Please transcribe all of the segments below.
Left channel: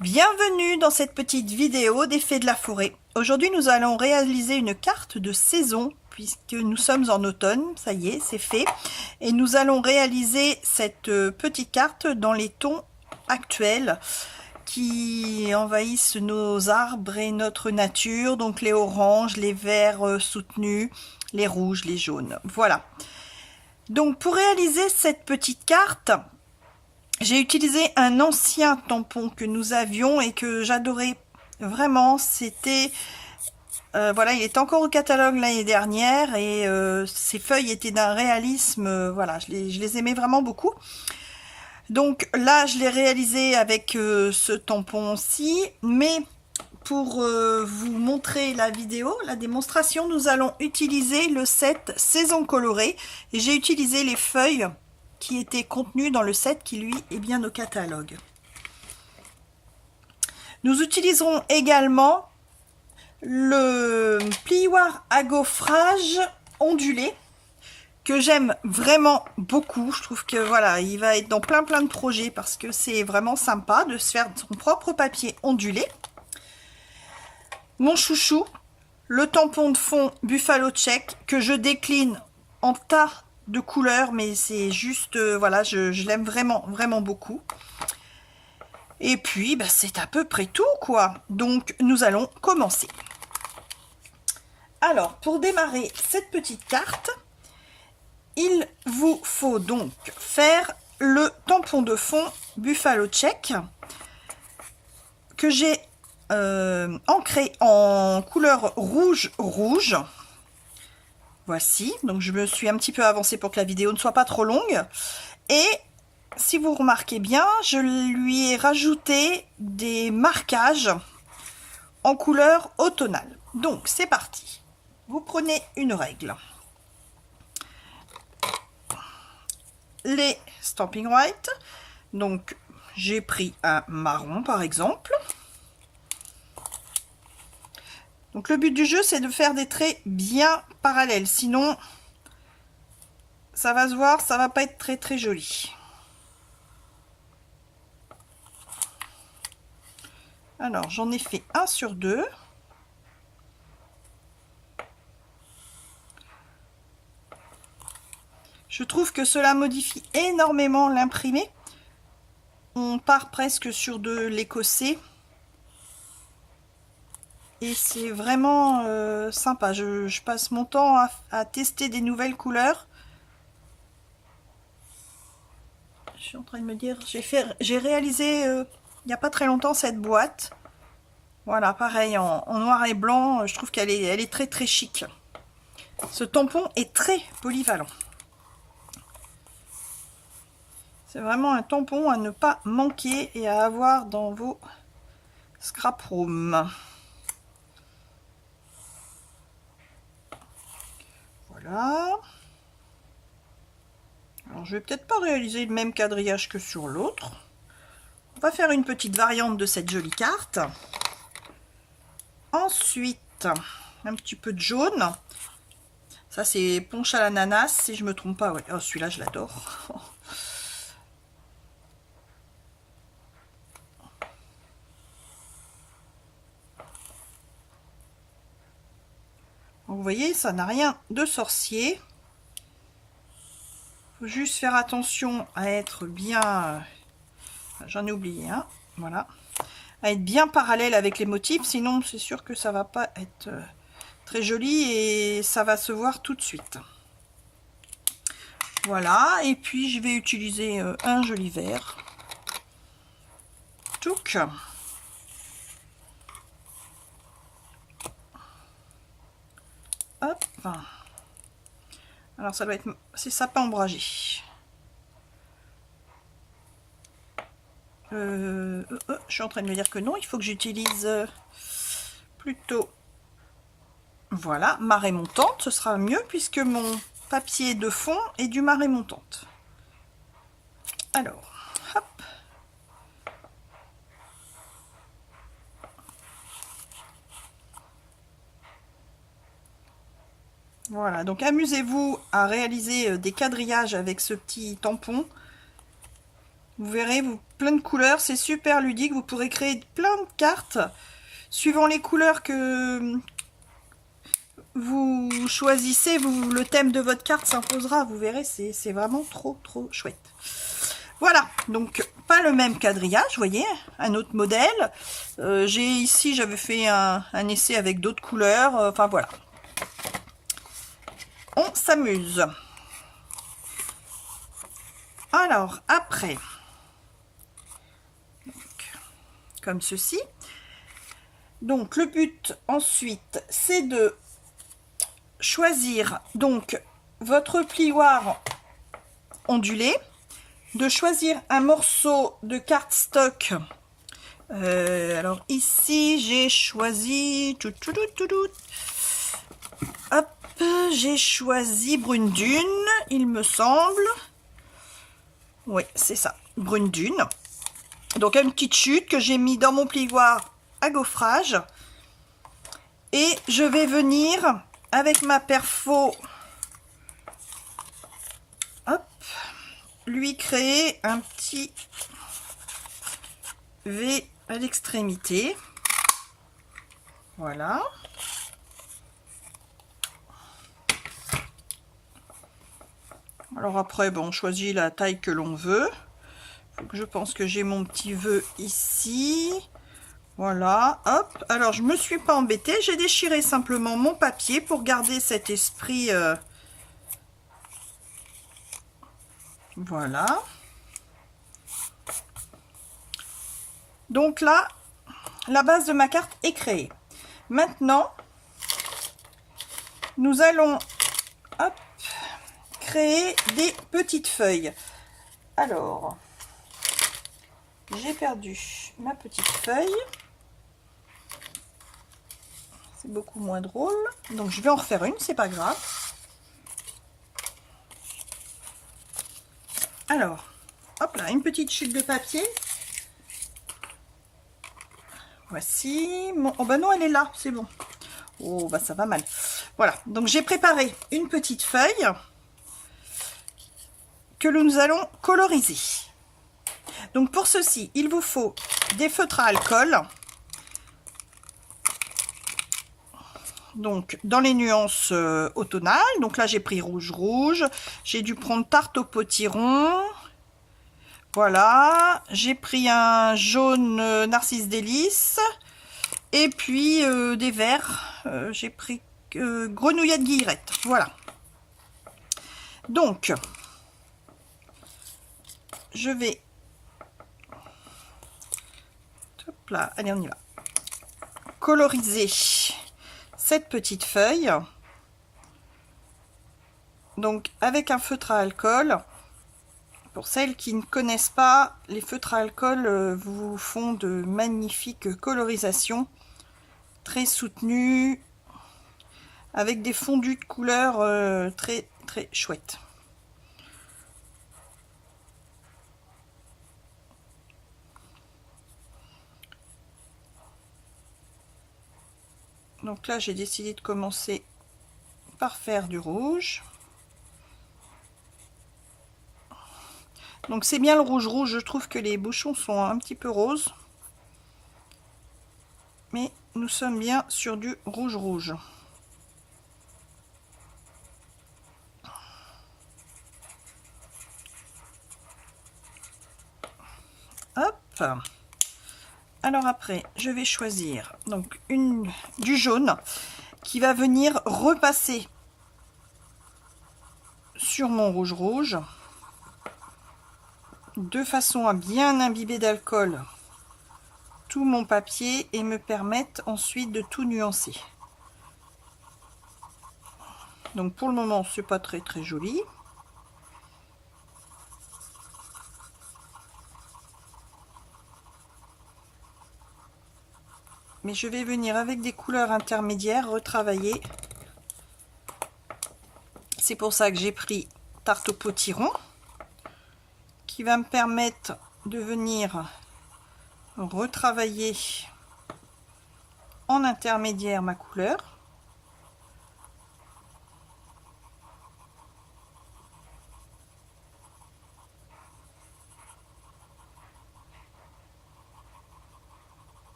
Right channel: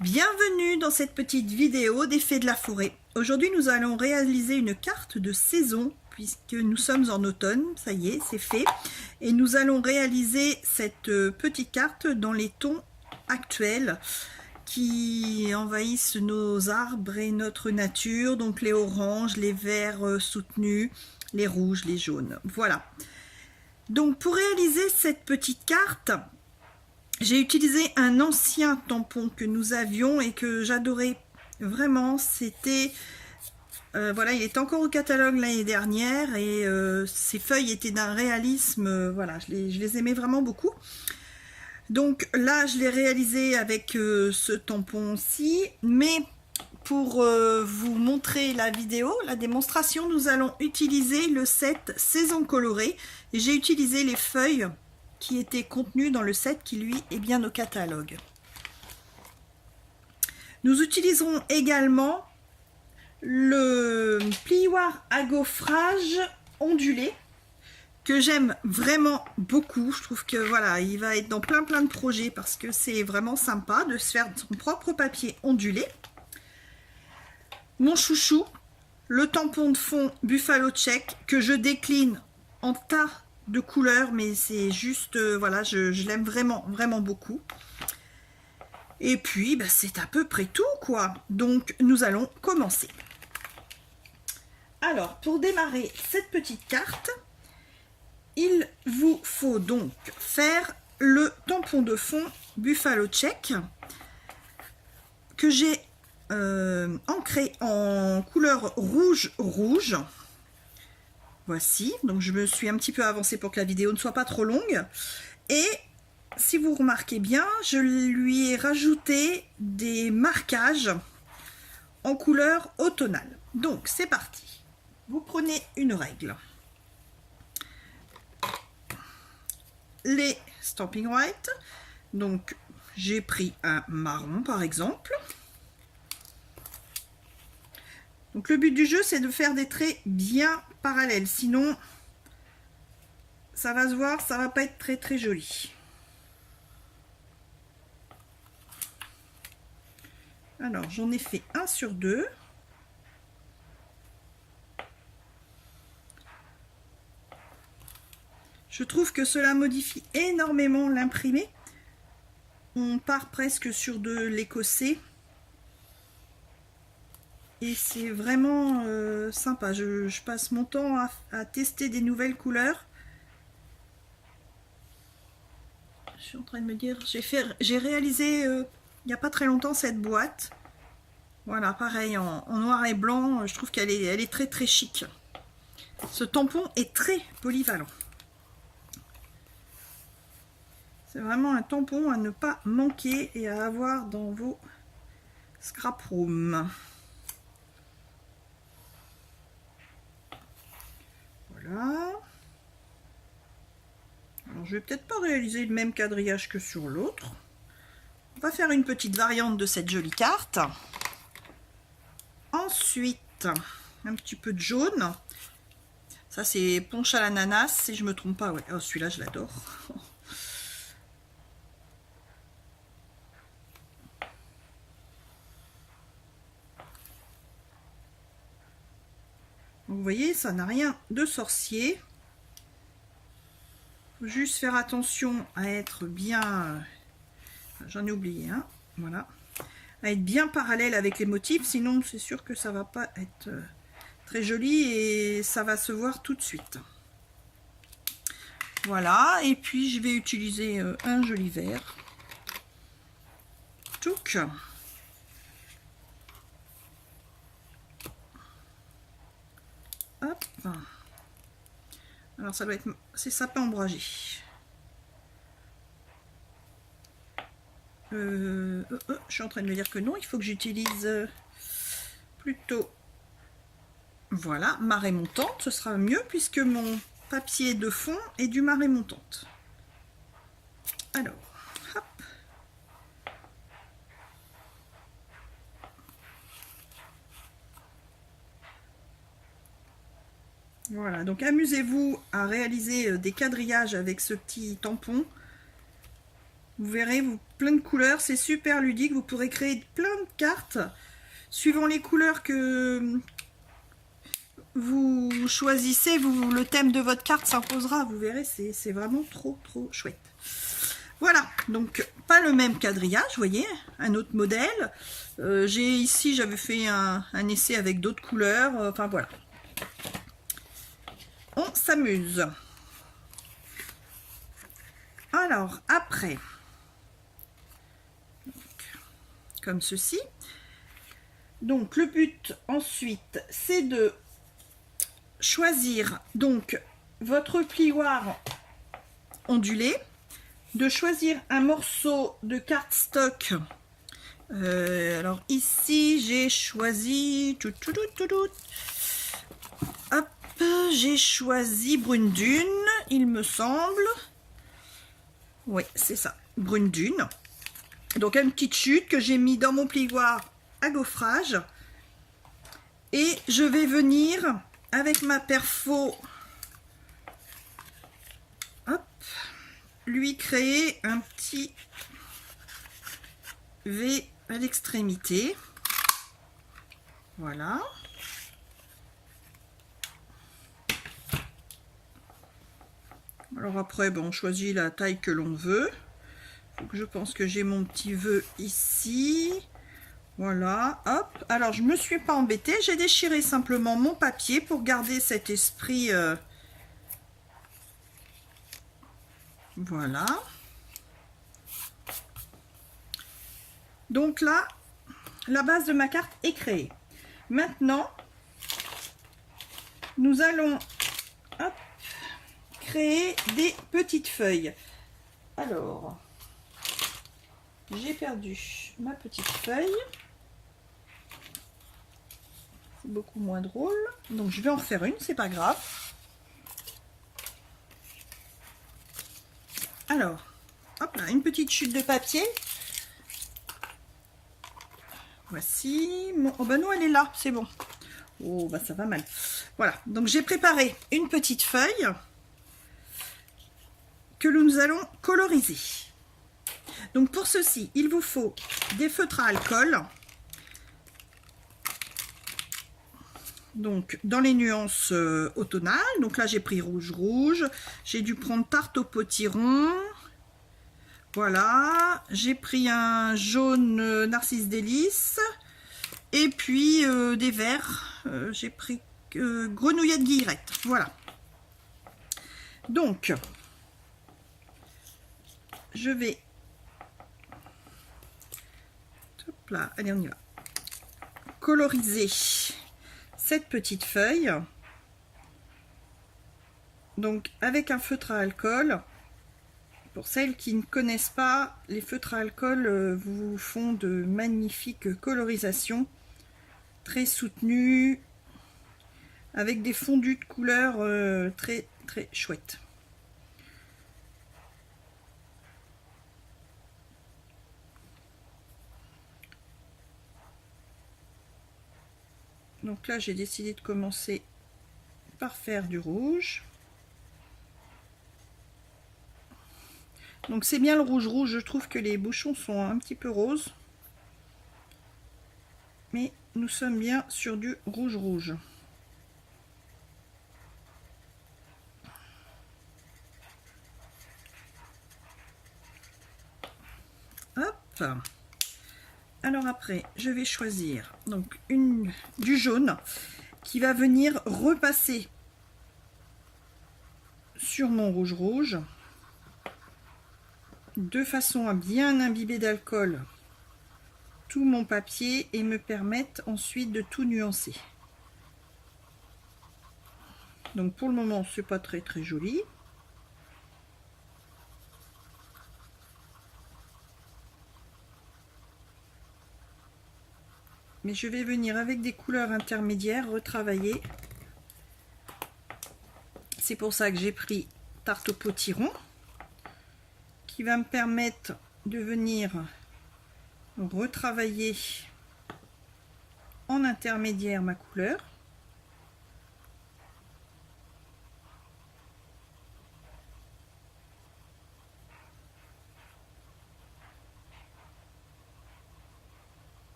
Bienvenue dans cette petite vidéo des Fées de la forêt. Aujourd'hui nous allons réaliser une carte de saison puisque nous sommes en automne, ça y est, c'est fait. Et nous allons réaliser cette petite carte dans les tons actuels qui envahissent nos arbres et notre nature, donc les oranges, les verts soutenus, les rouges, les jaunes. Voilà. Donc pour réaliser cette petite carte, j'ai utilisé un ancien tampon que nous avions et que j'adorais vraiment. C'était, voilà, il est encore au catalogue l'année dernière et ces feuilles étaient d'un réalisme, voilà, je les aimais vraiment beaucoup. Donc là, je l'ai réalisé avec ce tampon-ci, mais pour vous montrer la vidéo, la démonstration, nous allons utiliser le set Saison colorée et j'ai utilisé les feuilles qui était contenu dans le set qui lui est bien au catalogue. Nous utiliserons également le plioir à gaufrage ondulé que j'aime vraiment beaucoup. Je trouve que voilà, il va être dans plein de projets parce que c'est vraiment sympa de se faire son propre papier ondulé. Mon chouchou, le tampon de fond Buffalo Check que je décline en tas de couleurs, mais c'est juste voilà, je l'aime vraiment beaucoup. Et puis bah, c'est à peu près tout quoi. Donc nous allons commencer. Alors pour démarrer cette petite carte, il vous faut donc faire le tampon de fond Buffalo Check que j'ai ancré en couleur rouge. Voici, donc je me suis un petit peu avancée pour que la vidéo ne soit pas trop longue. Et si vous remarquez bien, je lui ai rajouté des marquages en couleur automnale. Donc c'est parti. Vous prenez une règle. Les Stampin' White. Donc j'ai pris un marron par exemple. Donc le but du jeu, c'est de faire des traits bien parallèles. Sinon, ça va se voir, ça va pas être très joli. Alors, j'en ai fait 1 sur 2. Je trouve que cela modifie énormément l'imprimé. On part presque sur de l'écossais. Et c'est vraiment sympa. Je passe mon temps à tester des nouvelles couleurs. Je suis en train de me dire, j'ai réalisé il n'y a pas très longtemps cette boîte. Voilà, pareil, en noir et blanc. Je trouve qu'elle est très chic. Ce tampon est très polyvalent. C'est vraiment un tampon à ne pas manquer et à avoir dans vos scrap rooms. Voilà. Alors je vais peut-être pas réaliser le même quadrillage que sur l'autre. On va faire une petite variante de cette jolie carte. Ensuite, un petit peu de jaune. Ça c'est punch à l'ananas, si je me trompe pas. Ouais. Oh, celui-là je l'adore. Vous voyez, ça n'a rien de sorcier. Faut juste faire attention à être bien, j'en ai oublié un, voilà, à être bien parallèle avec les motifs, sinon c'est sûr que ça va pas être très joli et ça va se voir tout de suite. Voilà, et puis je vais utiliser un joli vert. Tchouk. Hop. Alors ça doit être, c'est sapin ombragé. Je suis en train de me dire que non, il faut que j'utilise plutôt, voilà, marée montante, ce sera mieux puisque mon papier de fond est du marée montante. Alors, hop. Voilà, donc amusez-vous à réaliser des quadrillages avec ce petit tampon. Vous verrez, plein de couleurs, c'est super ludique. Vous pourrez créer plein de cartes suivant les couleurs que vous choisissez. Le thème de votre carte s'imposera. Vous verrez, c'est vraiment trop chouette. Voilà, donc pas le même quadrillage, vous voyez, un autre modèle. Ici, j'avais fait un essai avec d'autres couleurs. Enfin voilà. On s'amuse. Alors, après, donc, comme ceci. Donc, le but ensuite, c'est de choisir donc votre plioir ondulé, de choisir un morceau de cardstock. Alors ici, j'ai choisi... Hop, j'ai choisi Brune Dune, il me semble. Oui, c'est ça, Brune Dune. Donc une petite chute que j'ai mis dans mon plioir à gaufrage. Et je vais venir avec ma perfo, hop, lui créer un petit V à l'extrémité. Voilà. Alors après, bon, on choisit la taille que l'on veut. Donc je pense que j'ai mon petit vœu ici. Voilà, hop. Alors je me suis pas embêtée, j'ai déchiré simplement mon papier pour garder cet esprit. Voilà. Donc là, la base de ma carte est créée. Maintenant, nous allons hop, créer des petites feuilles. Alors, j'ai perdu ma petite feuille. C'est beaucoup moins drôle. Donc je vais en refaire une, c'est pas grave. Alors, hop là, une petite chute de papier. Voici. Oh bah non, elle est là, c'est bon. Oh bah ça va mal. Voilà, donc j'ai préparé une petite feuille que nous allons coloriser. Donc pour ceci, il vous faut des feutres à alcool. Donc dans les nuances automnales. Donc là j'ai pris rouge. J'ai dû prendre tarte au potiron. Voilà, j'ai pris un jaune narcisse délice. Et puis des verts. J'ai pris grenouillette guillerette. Voilà. Donc, je vais... Hop là, allez, on y va. Coloriser cette petite feuille. Donc, avec un feutre à alcool. Pour celles qui ne connaissent pas, les feutres à alcool vous font de magnifiques colorisations. Très soutenues. Avec des fondus de couleurs très chouettes. Donc là, j'ai décidé de commencer par faire du rouge. Donc c'est bien le rouge. Je trouve que les bouchons sont un petit peu roses. Mais nous sommes bien sur du rouge. Hop. Alors après, je vais choisir donc du jaune qui va venir repasser sur mon rouge de façon à bien imbiber d'alcool tout mon papier et me permettre ensuite de tout nuancer. Donc pour le moment, c'est pas très joli. Mais je vais venir avec des couleurs intermédiaires retravailler. C'est pour ça que j'ai pris tarte au potiron qui va me permettre de venir retravailler en intermédiaire ma couleur.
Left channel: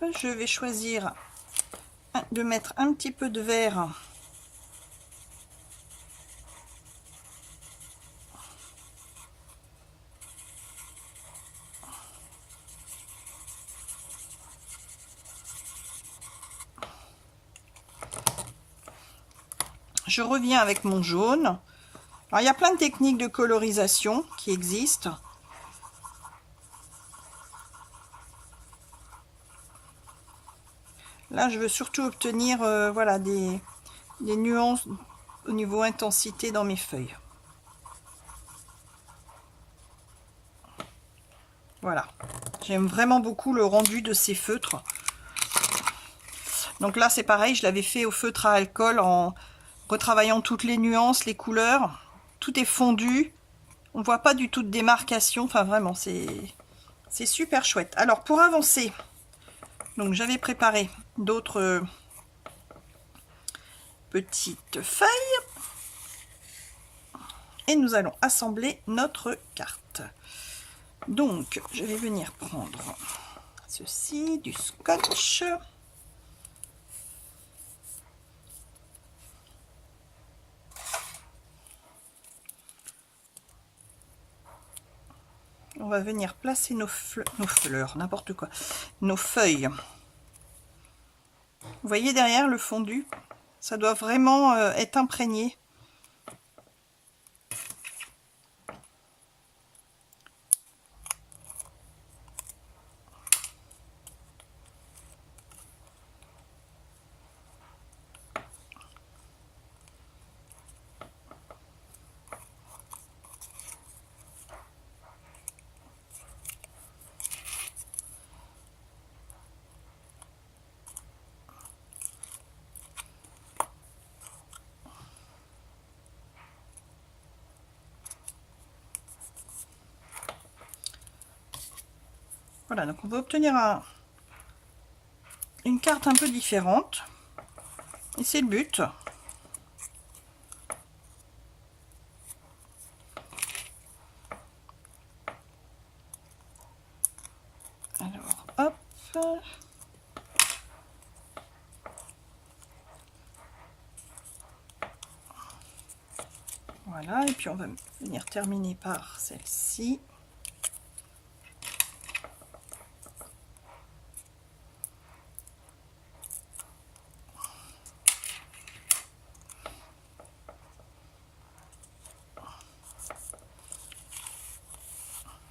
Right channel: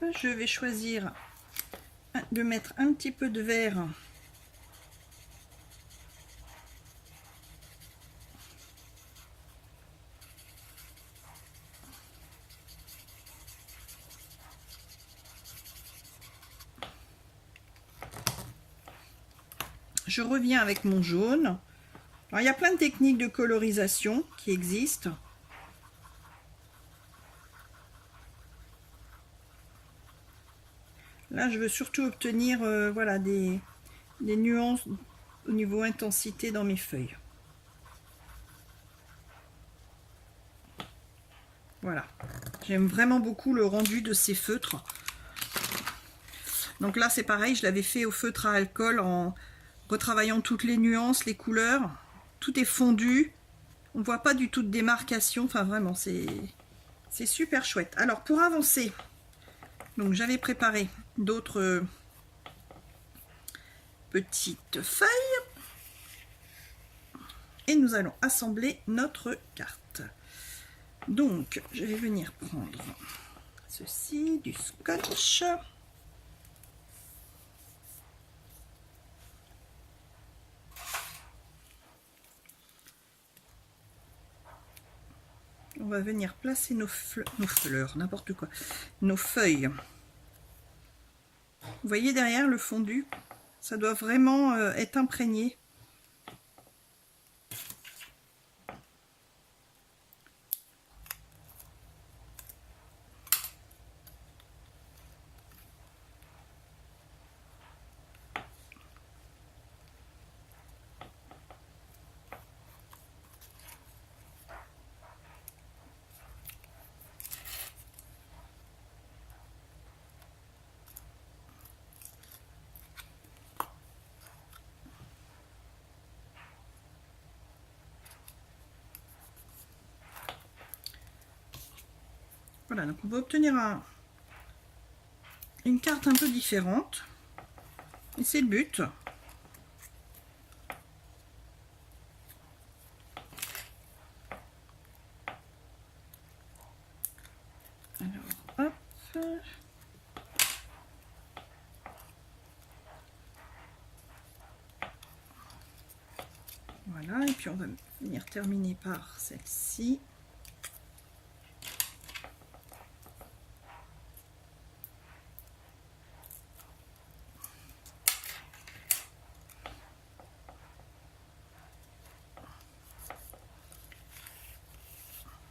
je vais choisir de mettre un petit peu de vert je reviens avec mon jaune. Alors, il y a plein de techniques de colorisation qui existent. Là, je veux surtout obtenir voilà, des nuances au niveau intensité dans mes feuilles. Voilà. J'aime vraiment beaucoup le rendu de ces feutres. Donc là, c'est pareil, je l'avais fait au feutre à alcool en retravaillant toutes les nuances, les couleurs. Tout est fondu. On voit pas du tout de démarcation. Enfin, vraiment, c'est super chouette. Alors, pour avancer, donc j'avais préparé d'autres petites feuilles. Et nous allons assembler notre carte. Donc, je vais venir prendre ceci, du scotch. On va venir placer nos fleurs, n'importe quoi, nos feuilles. Vous voyez derrière le fondu, ça doit vraiment être imprégné. Voilà, donc on va obtenir une carte un peu différente. Et c'est le but. Alors, hop. Voilà, et puis on va venir terminer par celle-ci.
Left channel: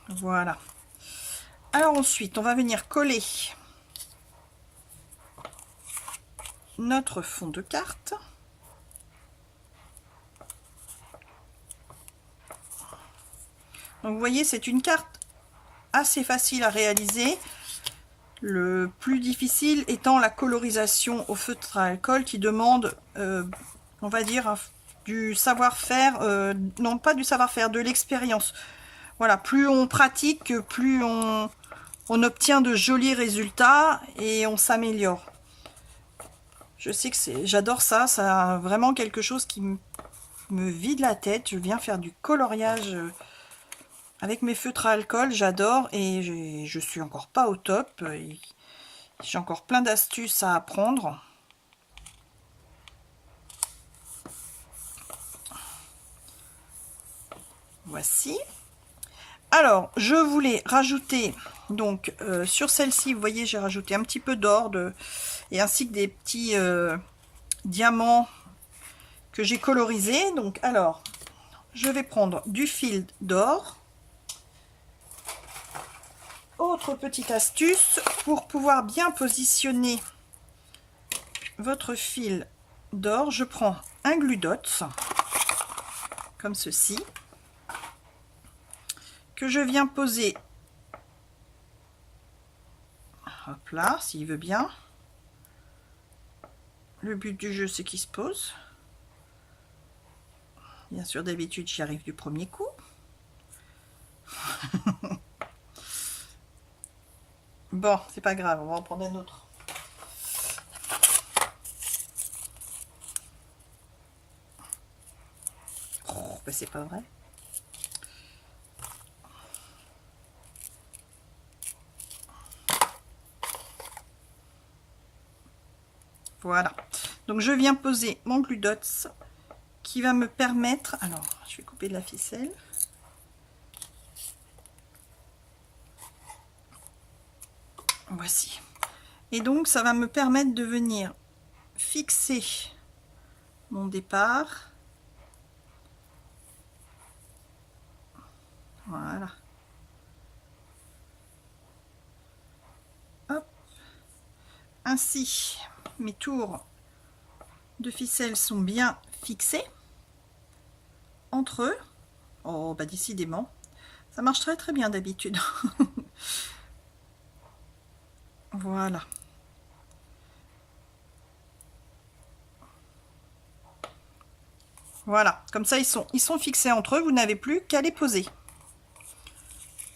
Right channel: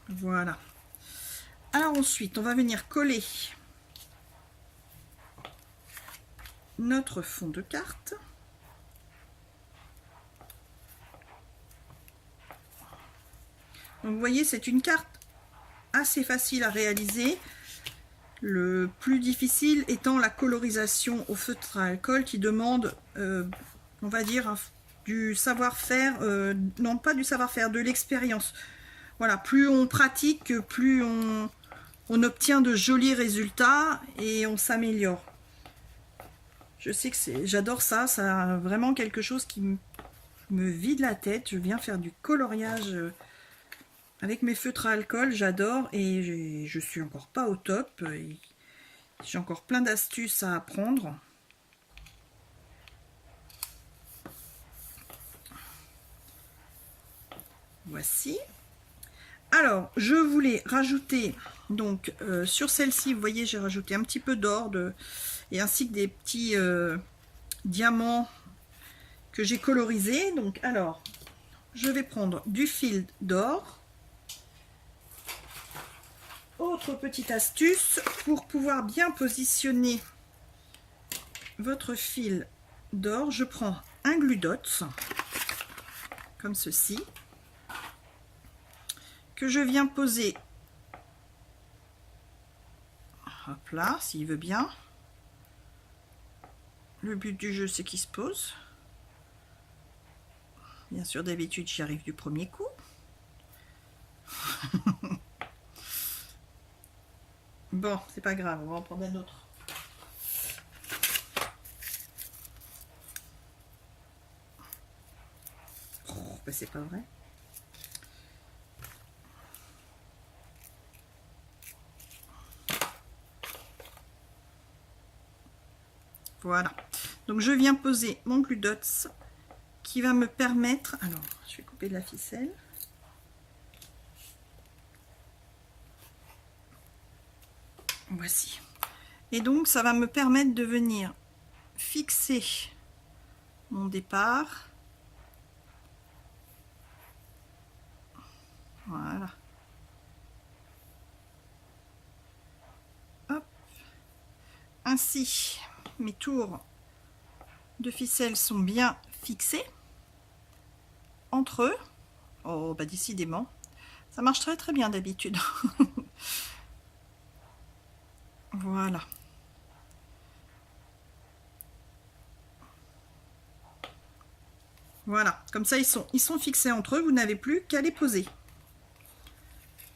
Voilà. Alors ensuite, on va venir coller notre fond de carte. Donc vous voyez, c'est une carte assez facile à réaliser. Le plus difficile étant la colorisation au feutre à alcool qui demande, on va dire, du savoir-faire, non pas du savoir-faire, de l'expérience. Voilà, plus on pratique, plus on obtient de jolis résultats et on s'améliore. Je sais que j'adore ça, ça a vraiment quelque chose qui me vide la tête. Je viens faire du coloriage avec mes feutres à alcool, j'adore et je suis encore pas au top. J'ai encore plein d'astuces à apprendre. Voici. Alors, je voulais rajouter, donc sur celle-ci, vous voyez, j'ai rajouté un petit peu d'or et ainsi que des petits diamants que j'ai colorisés. Donc, alors, je vais prendre du fil d'or. Autre petite astuce, pour pouvoir bien positionner votre fil d'or, je prends un glue dots, comme ceci, que je viens poser, hop là, s'il veut bien. Le but du jeu, c'est qu'il se pose. Bien sûr, d'habitude, j'y arrive du premier coup. Bon, c'est pas grave, on va en prendre un autre. Oh, ben c'est pas vrai. Voilà. Donc je viens poser mon glue dots qui va me permettre... Alors, je vais couper de la ficelle. Voici. Et donc, ça va me permettre de venir fixer mon départ. Voilà. Hop. Ainsi, mes tours de ficelle sont bien fixés entre eux. Oh, bah décidément, ça marche très très bien d'habitude. Voilà. Voilà, comme ça ils sont fixés entre eux, vous n'avez plus qu'à les poser.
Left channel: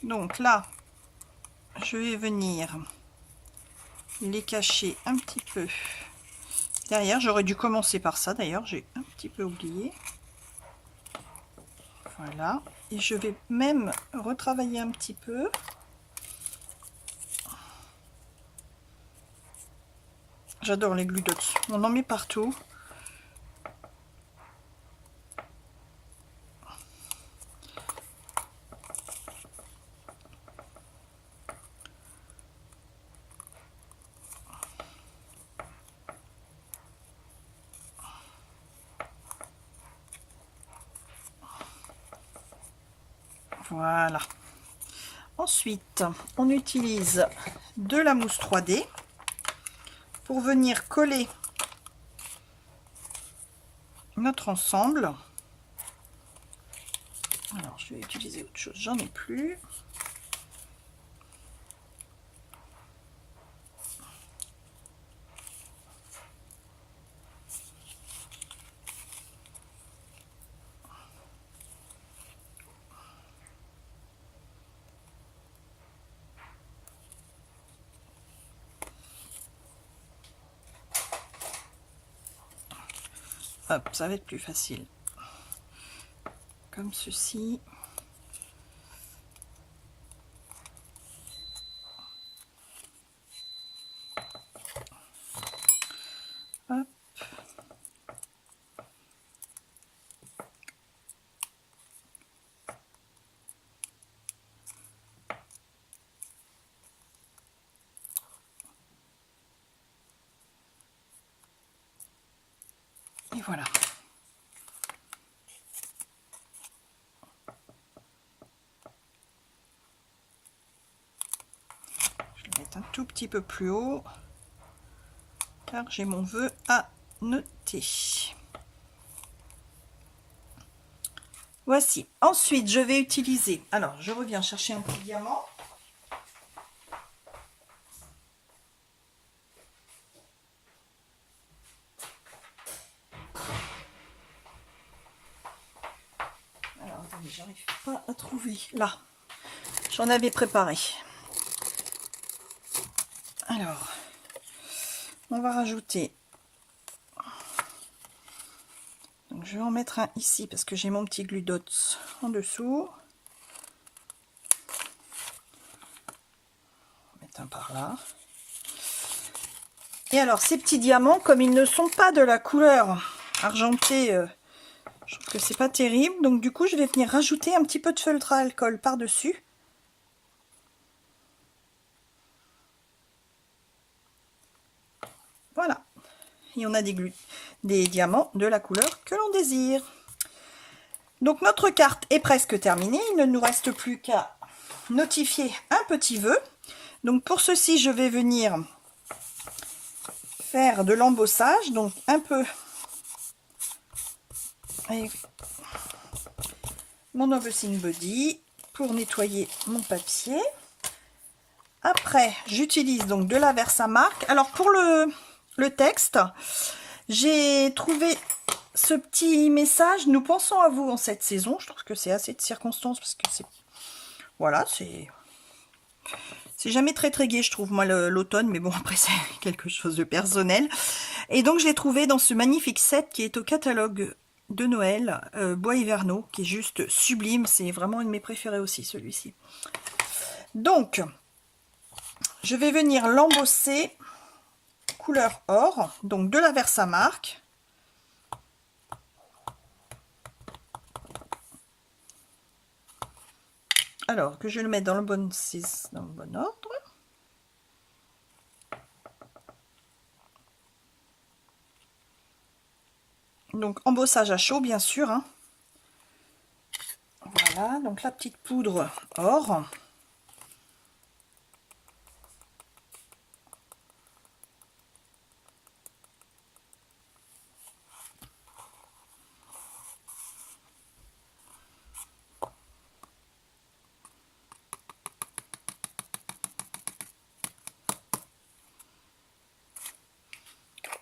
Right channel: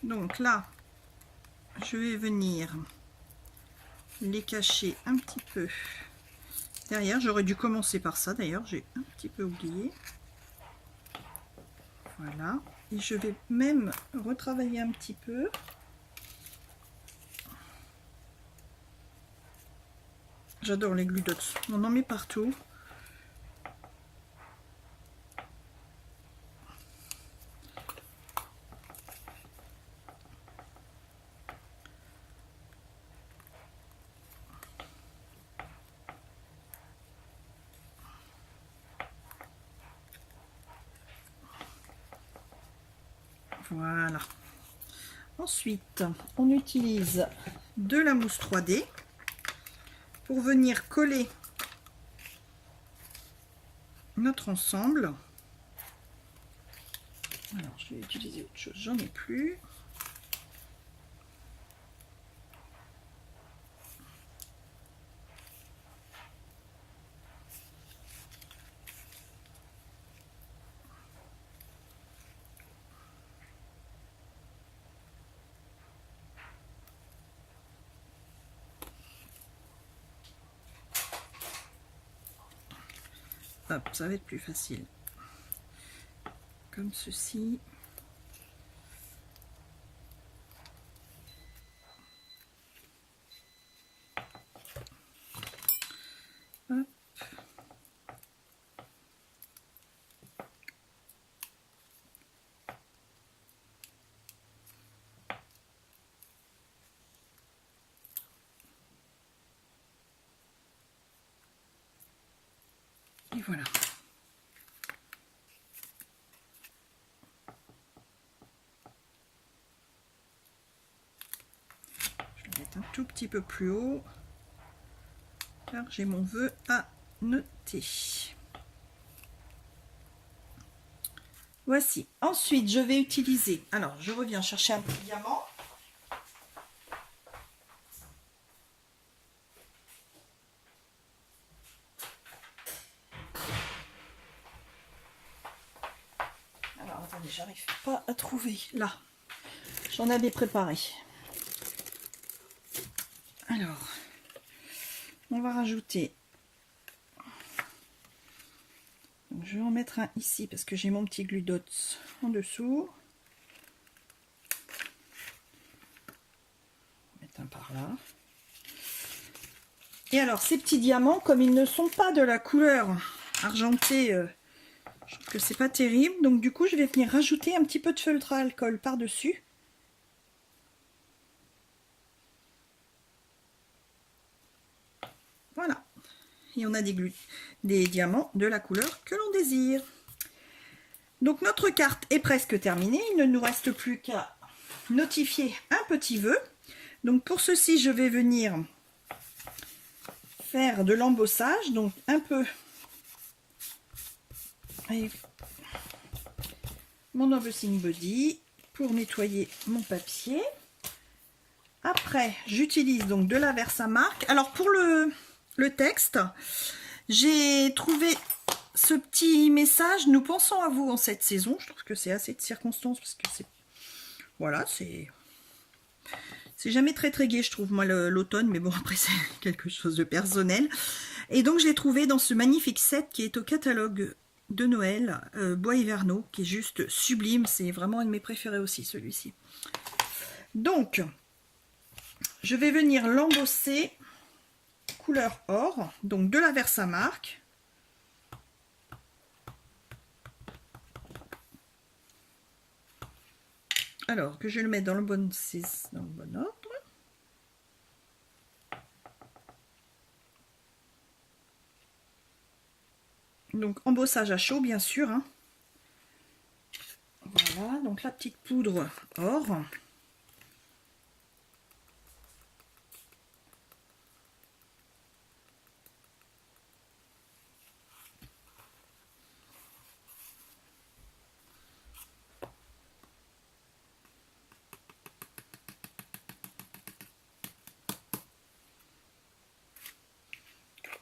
Donc là, je vais venir les cacher un petit peu derrière. J'aurais dû commencer par ça d'ailleurs, j'ai un petit peu oublié. Voilà, et je vais même retravailler un petit peu. J'adore les glue dots, on en met partout. Voilà. Ensuite, on utilise de la mousse 3D pour venir coller notre ensemble. Alors, je vais utiliser autre chose, j'en ai plus. Hop, ça va être plus facile. Comme ceci. Hop. Et voilà. Je vais mettre un tout petit peu plus haut car j'ai mon vœu à noter. Voici. Ensuite, je vais utiliser... Alors, je reviens chercher un petit diamant. Alors, attendez, j'arrive pas à trouver. Là, j'en avais préparé. Alors, on va rajouter... Donc, je vais en mettre un ici parce que j'ai mon petit glue dots en dessous. Un par là. Et alors ces petits diamants, comme ils ne sont pas de la couleur argentée, je trouve que c'est pas terrible, donc du coup je vais venir rajouter un petit peu de feutre à alcool par dessus. Voilà, et on a des diamants de la couleur que l'on désire. Donc notre carte est presque terminée, il ne nous reste plus qu'à notifier un petit vœu. Donc pour ceci, je vais venir faire de l'embossage, donc un peu avec mon embossing body pour nettoyer mon papier. Après, j'utilise donc de la Versamark. Alors pour le texte, j'ai trouvé ce petit message: nous pensons à vous en cette saison. Je trouve que c'est assez de circonstances parce que c'est... Voilà, c'est jamais très très gai, je trouve, moi, l'automne, mais bon, après, c'est quelque chose de personnel. Et donc, je l'ai trouvé dans ce magnifique set qui est au catalogue de Noël, Bois Hivernaux, qui est juste sublime. C'est vraiment un de mes préférés aussi, celui-ci. Donc, je vais venir l'embosser couleur or, donc de la Versamark. Alors que je vais le mettre dans le bon ordre. Donc embossage à chaud bien sûr, hein. Voilà, donc la petite poudre or.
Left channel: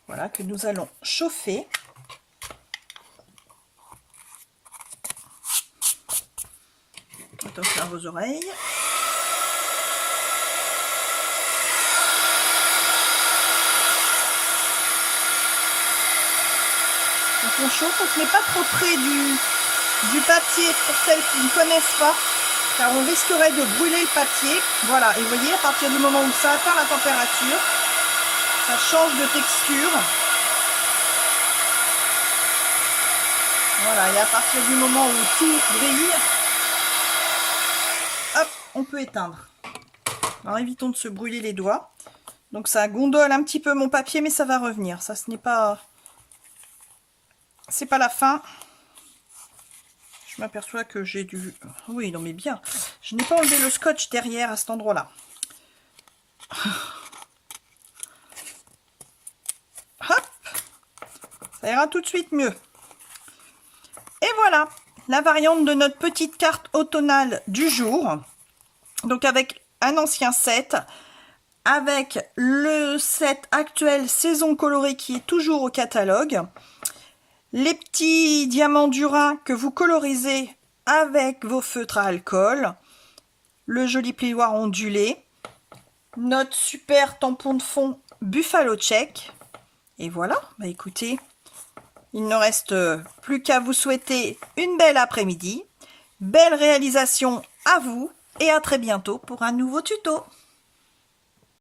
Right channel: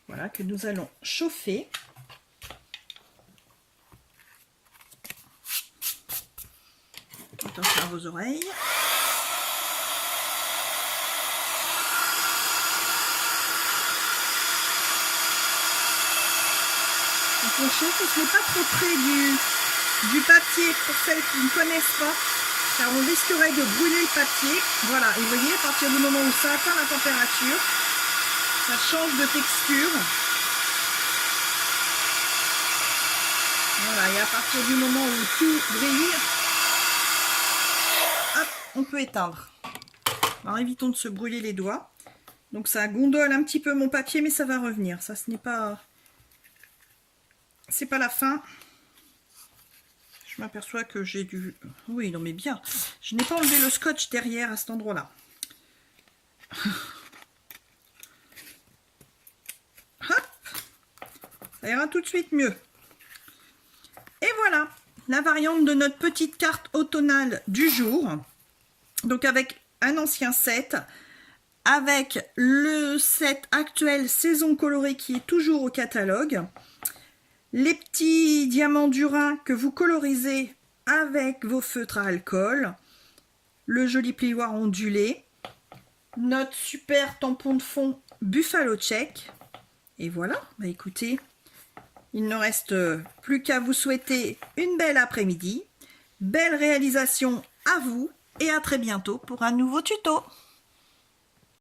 Voilà, que nous allons chauffer. Attention à vos oreilles. Donc on chauffe, on ne se met pas trop près du papier pour celles qui ne connaissent pas, car on risquerait de brûler le papier. Voilà, et vous voyez, à partir du moment où ça atteint la température, ça change de texture. Voilà, et à partir du moment où tout brille, hop, on peut éteindre. Alors évitons de se brûler les doigts. Donc ça gondole un petit peu mon papier, mais ça va revenir. Ça, ce n'est pas... C'est pas la fin. Je m'aperçois que j'ai dû... Oui, non mais bien. Je n'ai pas enlevé le scotch derrière à cet endroit-là. Hop, ça ira tout de suite mieux. Et voilà, la variante de notre petite carte automnale du jour. Donc avec un ancien set, avec le set actuel saison colorée qui est toujours au catalogue, les petits diamants Dura que vous colorisez avec vos feutres à alcool, le joli plioir ondulé, notre super tampon de fond Buffalo Check. Et voilà, bah écoutez, il ne reste plus qu'à vous souhaiter une belle après-midi, belle réalisation à vous et à très bientôt pour un nouveau tuto.